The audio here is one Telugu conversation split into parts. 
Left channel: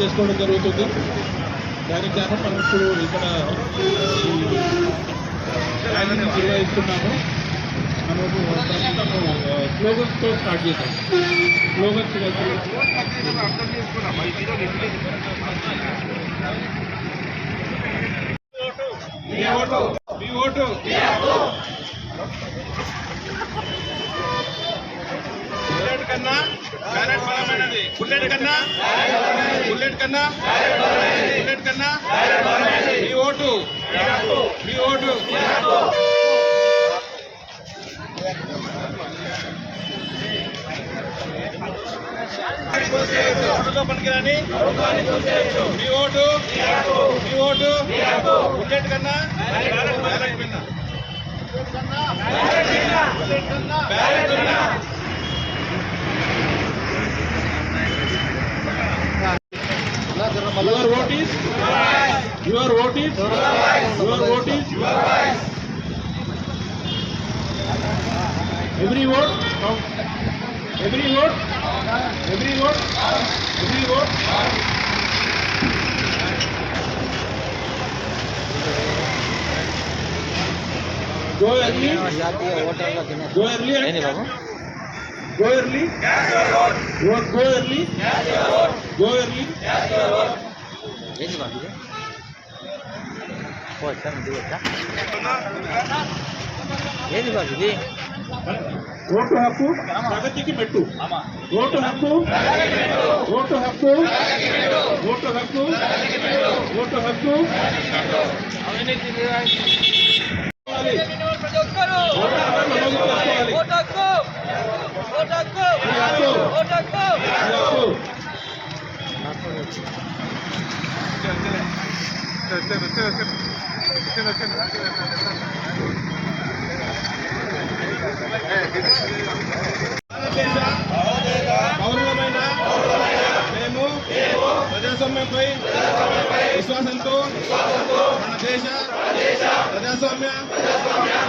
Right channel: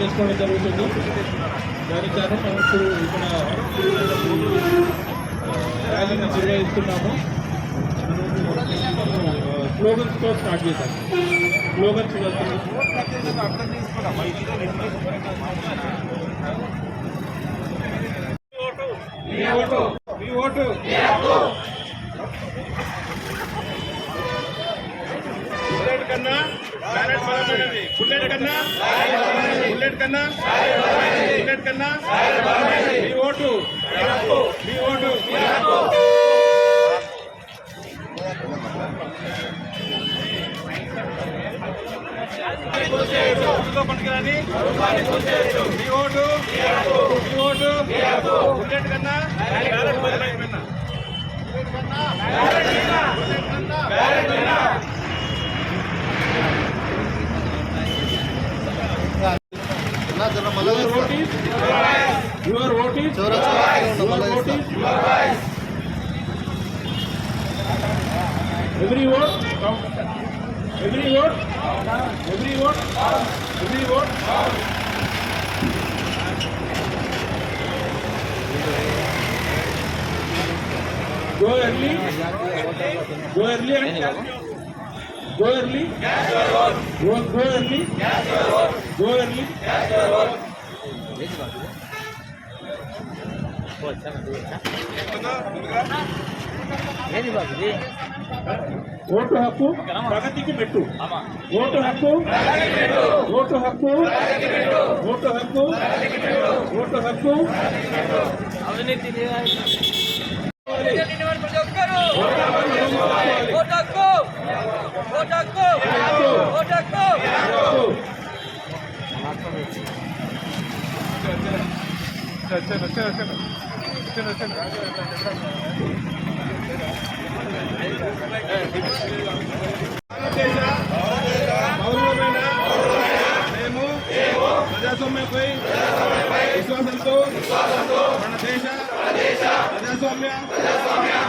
చేసుకోవడం జరుగుతుంది. దానికి గాను మనం ఇప్పుడు ఇక్కడ ర్యాలీని నిర్వహిస్తున్నాము. మనము స్లోగన్స్తో స్టార్ట్ చేద్దాం. స్లోగన్స్ బుల్లెట్ కన్నా బ్యాలెట్ బలమైనది. బుల్లెట్ కన్నా బుల్లెట్ కన్నా బుల్లెట్ కన్నా మీ ఓటు మీ ఓటు. ఓటుతో పనికిరాని మీ ఓటు మీ ఓటు. బుల్లెట్ కన్నా బ్యాలెట్ బలమైపోయినా బ్యాలెట్ కన్నా Your vote is your vote is your vote is every vote every vote every vote every vote. Go early and go early. Go early. Go early. Go early. Vote హక్కు ప్రగతికి పెట్టు. ఓటు హక్కు ఓటు హక్కు ఓటు హక్కు ఓటు హక్కు. ప్రతి ఒక్కరు ఓటు హక్కు ఓటు హక్కు ఓటు హక్కు. గౌరవమైన మేము ప్రజాస్వామ్యంపై విశ్వాసంతో మన దేశ ప్రజాస్వామ్య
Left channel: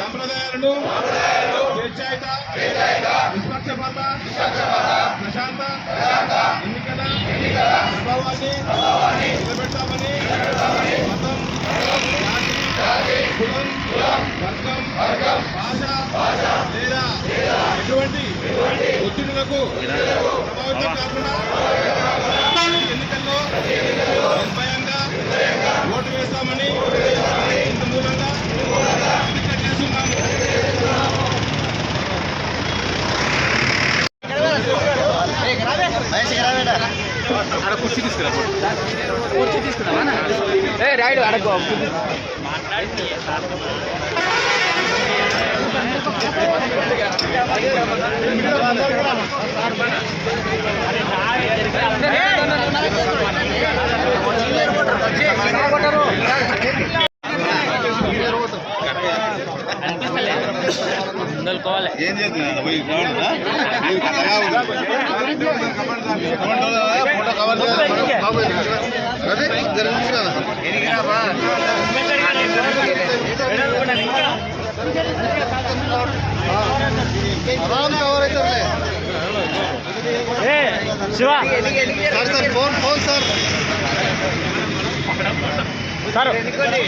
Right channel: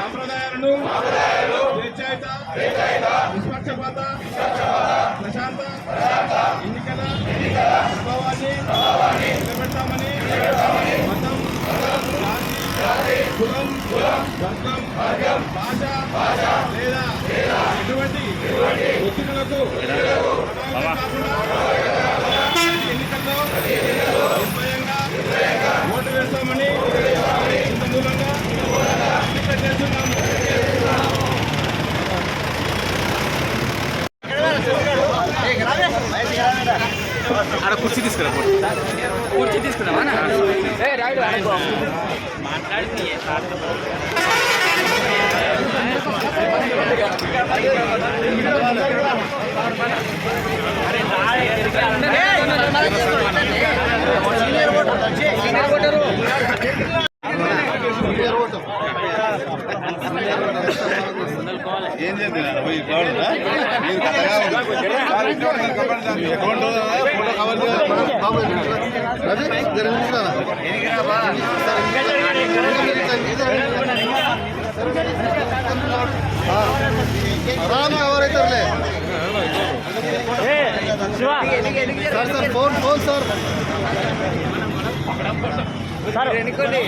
సంప్రదాయాలను స్వేచ్ఛాయుత నిష్పక్షపాత ప్రశాంత ఎన్నికల ప్రభావాన్ని నిలబెడతామని మతం జాతి కులం వర్గం భాష లేదా ఎటువంటి ఒత్తిడులకు ప్రభావితం కాకుండా ఎన్నికల్లో నిర్భయంగా ఓటు వేస్తామని ఎన్నిక చేస్తున్నాము. కుర్చీ తీసుకున్నావా రైడ్ మాట్లాడి ఏం చేస్తున్నారు photo cover Shiva phone phone sir ఎన్నుకోండి.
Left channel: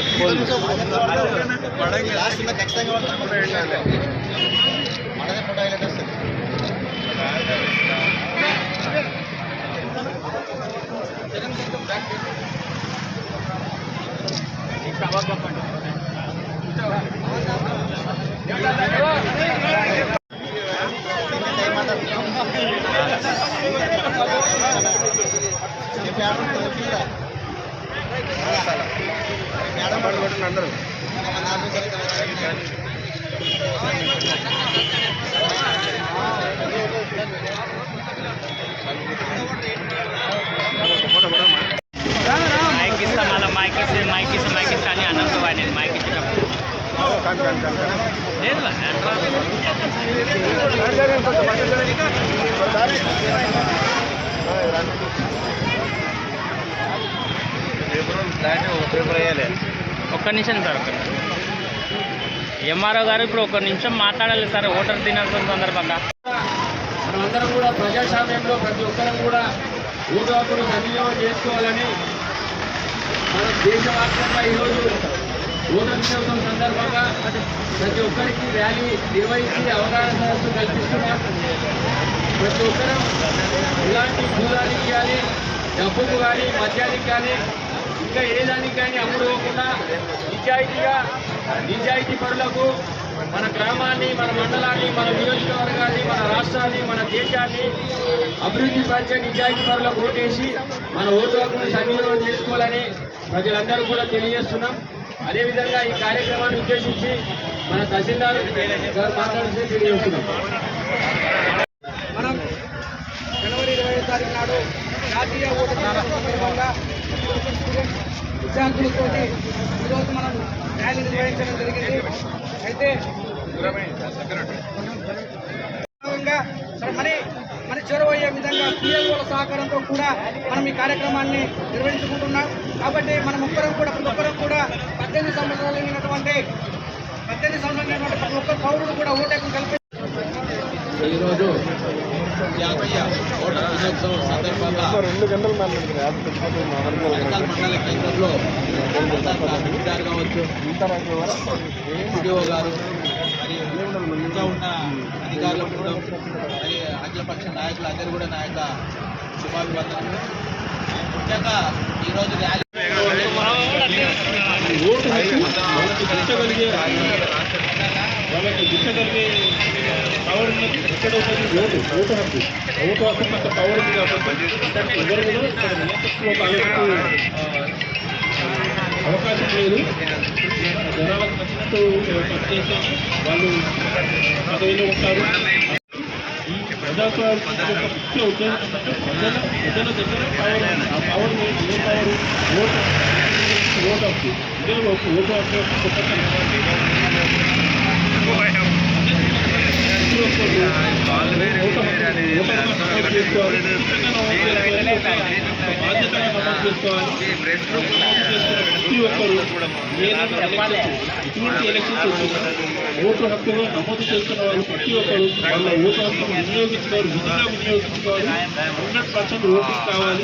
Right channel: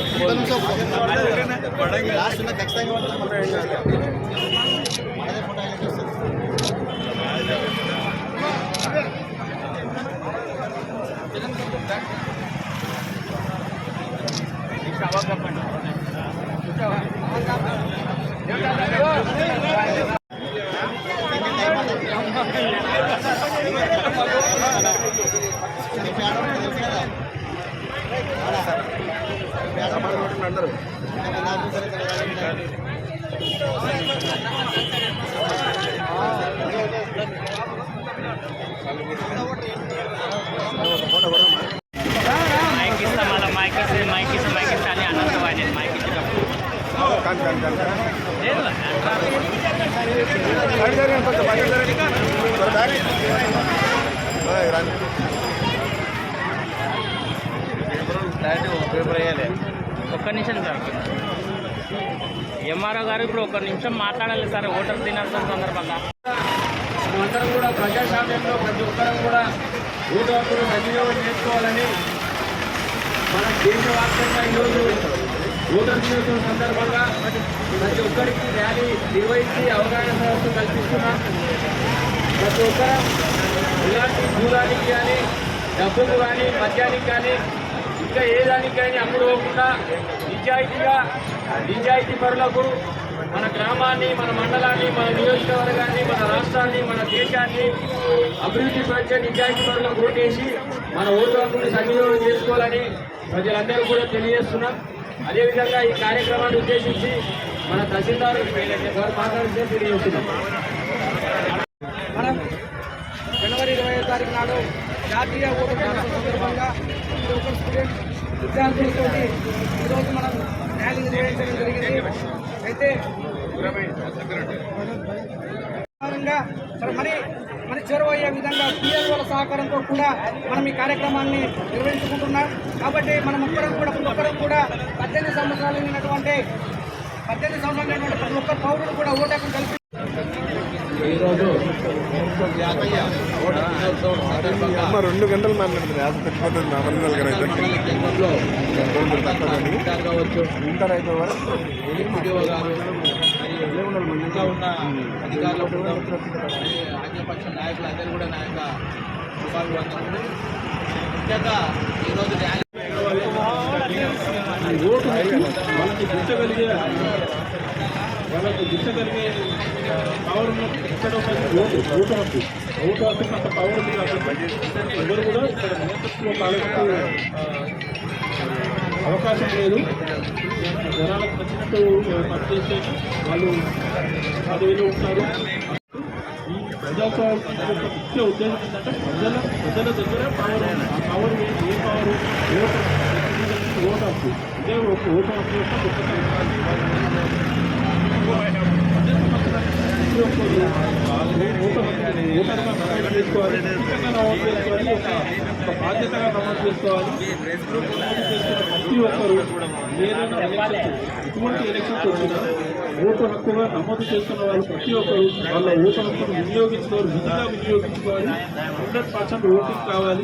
ఒక్క నిమిషం సార్, ఎంఆర్ఓ గారు ఇప్పుడు ఒక్క నిమిషం మాట్లాడాలి సార్ ఓటర్ దినోత్సవం సందర్భంగా. మనమందరం కూడా ప్రజాస్వామ్యంలో ప్రతి ఒక్కరం కూడా ఓటు హక్కును సద్వినియోగం చేసుకోవాలని మన దేశవ్యాప్తంగా ఈరోజు ఓటర్ దినోత్సవం సందర్భంగా ప్రతి ఒక్కరికి ర్యాలీ నిర్వహించి అవగాహన సదస్సు కల్పిస్తున్నాం. ప్రతి ఒక్కరం ఇలాంటి భూదానికి కానీ డబ్బుకు కానీ మద్యానికి కానీ ఇంకా ఏ దానికి కానీ అమ్ముడు పోకుండా నిజాయితీ పరులకు మన గ్రామాన్ని, మన మండలాన్ని, మన నియోజకవర్గాన్ని, మన రాష్ట్రాన్ని, మన దేశాన్ని అభివృద్ధి పరిచే నిజాయితీ పరులకు ఓటేసి మన ఓటు హక్కును సద్వినియోగం చేసుకోవాలని ప్రజలందరూ కూడా తెలియజేస్తున్నాం. అదేవిధంగా ఈ కార్యక్రమాన్ని ఉద్దేశించి మన తహసీల్దార్ గారు మాట్లాడితే తెలియజేస్తున్నాం. మనం జనవరి 20వ తారీఖు నాడు జాతీయ ఓటర్ దినోత్సవం సందర్భంగా స్టూడెంట్ విద్యార్థులతో ఈరోజు మనం ర్యాలీ నిర్వహించడం జరిగింది. అయితే మరి చేరువయ్యే విధంగా పిఎల్ఓల సహకారంతో కూడా మనం ఈ కార్యక్రమాన్ని నిర్వహించుకుంటున్నాం. కాబట్టి మనం ప్రతి ఒక్కరం కూడా 18 సంవత్సరాలు అయినటువంటి ప్రతి ఒక్క పౌరుడు కూడా ఓటు హక్కును కల్పి ఈరోజు జాతీయ ఓటర్ దినోత్సవం సందర్భంగా 2 గంటలు మండల కేంద్రంలో కావచ్చు ఎంపీడీఓ గారు ఇంకా ఉన్న అధికారుల బృందం మరి అఖిలపక్ష నాయకులు అందరూ కూడా నా యొక్క శుభాభివందనలు. ముఖ్యంగా ఈరోజు ర్యాలీ ఓటు హక్కు వాళ్ళకి దిశగలిగే పవర్ ఉన్నది ఎక్కడ ఉన్నది ఓటు హక్కు అంత పవర్ ఉంది కాబట్టి ఎవరు కూడా ఇక్కడ నేతృత్వం పాల్గొనే అవకాశం లేదు. జనాలకు నచ్చినట్టు పనిచేసేసి వాళ్ళు పదవిలో ఉంటారు. ఈ ప్రజాస్వామ్యం యొక్క ముఖ్య ఉద్దేశం ఏంటంటే ప్రజల దగ్గర పవర్ ఉంది. ఆ పవర్ ఏ పవర్ ఓటు హక్కు. ఇదే ఓటు హక్కు యొక్క గొప్పతనం. బాధ్యతగా నమోదు చేసుకోవాలి. ప్రతి ఒక్కరు ఎటువంటి ఎలక్షన్స్ వచ్చినా ఓటు హక్కుగా నమోదు చేసుకున్న వాళ్ళు ప్రతి ఒక్కరు వాళ్ళ ఓటు హక్కును వినియోగించుకోవాలి, వినియోగించుకోవాలి. 100% ఓటింగ్ కావాలి.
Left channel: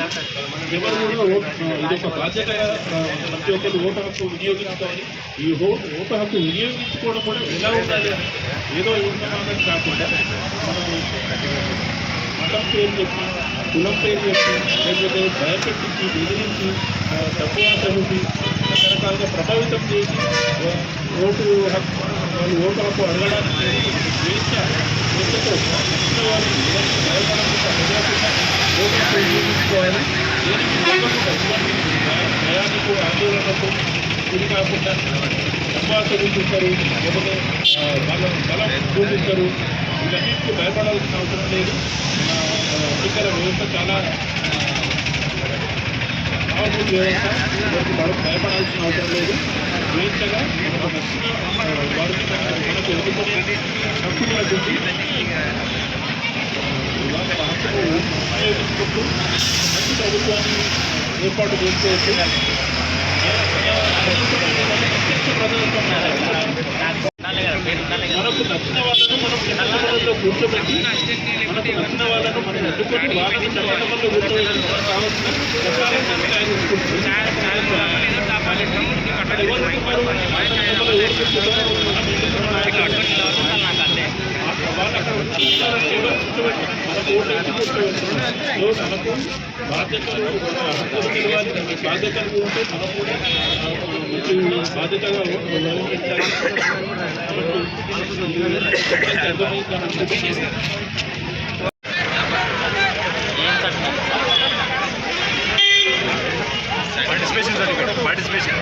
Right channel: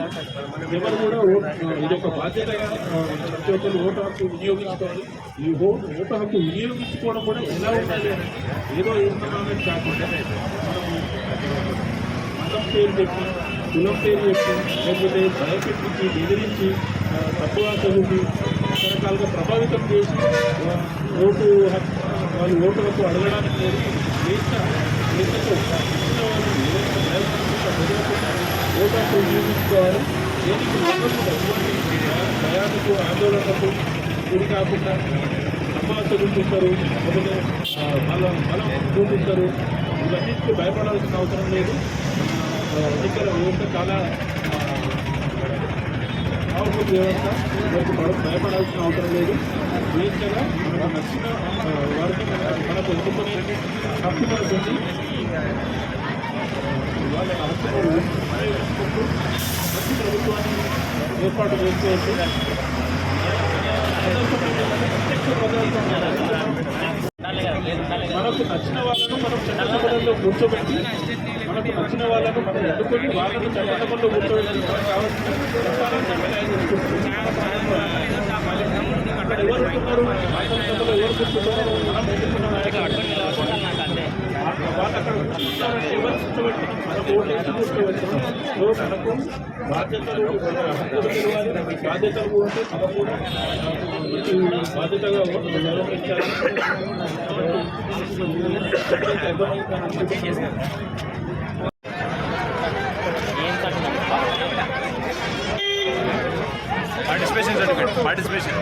ఎవరు కూడా ఇదొక బాధ్యతగా ప్రతి ఒక్కరు ఓటు హక్కు వినియోగించుకోవాలి. ఈ ఓటు హక్కు వినియోగించుకోవడం కూడా ఎలా ఉండాలి, ఏదో ఏమన్నా కాకుండా మతం పేరు చెప్పి, కులం పేరు చెప్పి, లేకపోతే భయపెట్టించి, బెదిరించి, తక్కువ చదివి రకరకాలుగా ప్రభావితం చేసి ఓటు హక్కు వాళ్ళు ఓటు హక్కు అడగడానికి వేసిన ఓటు హక్కు వినియోగించుకోవాలి. ప్రయాణికు ఆందోళనకు గురి కాకుండా తక్కువ చదువుతుంటారు, లేకపోతే వాళ్ళ బలం చూపిస్తారు. ఇవన్నిటికీ భయపడాల్సిన అవసరం లేదు. ఎన్నికల వ్యవస్థ చాలా పవర్ఫుల్ వ్యవస్థ. వాళ్ళకి భయపడాల్సిన అవసరం లేదు. స్వేచ్ఛగా వారికి మనకు ఎన్నుకునే హక్కు మనకుంది. వాళ్ళ హక్కును ఉపయోగించుకుంటూ మంచి ప్రభుత్వాన్ని ఏర్పాటు చేసుకోవచ్చు. మనకు నచ్చిన వాళ్ళను మనం చట్టసభలో కూర్చోబెట్టి, మనకు నచ్చిన వాళ్ళను మనం ఎన్నుకొని వాళ్ళని చట్టసభలో కూర్చోబెట్టి కావాల్సిన ప్రచారాన్ని అక్కడ ఎవరు ఉన్నారు, చట్టసభలో ఎవరు కూర్చుంటారో వాళ్ళు అక్కడ ఎవరు కూర్చోబెట్టి మనకు ఓటు వేసి కూర్చోబెట్టారు. మనకు బాధ్యతలు తెలియాలి. బాధ్యతలు ఉంటే మనం కూడా బాధ్యతగా నిర్వహించాలి. పార్టిసిపేషన్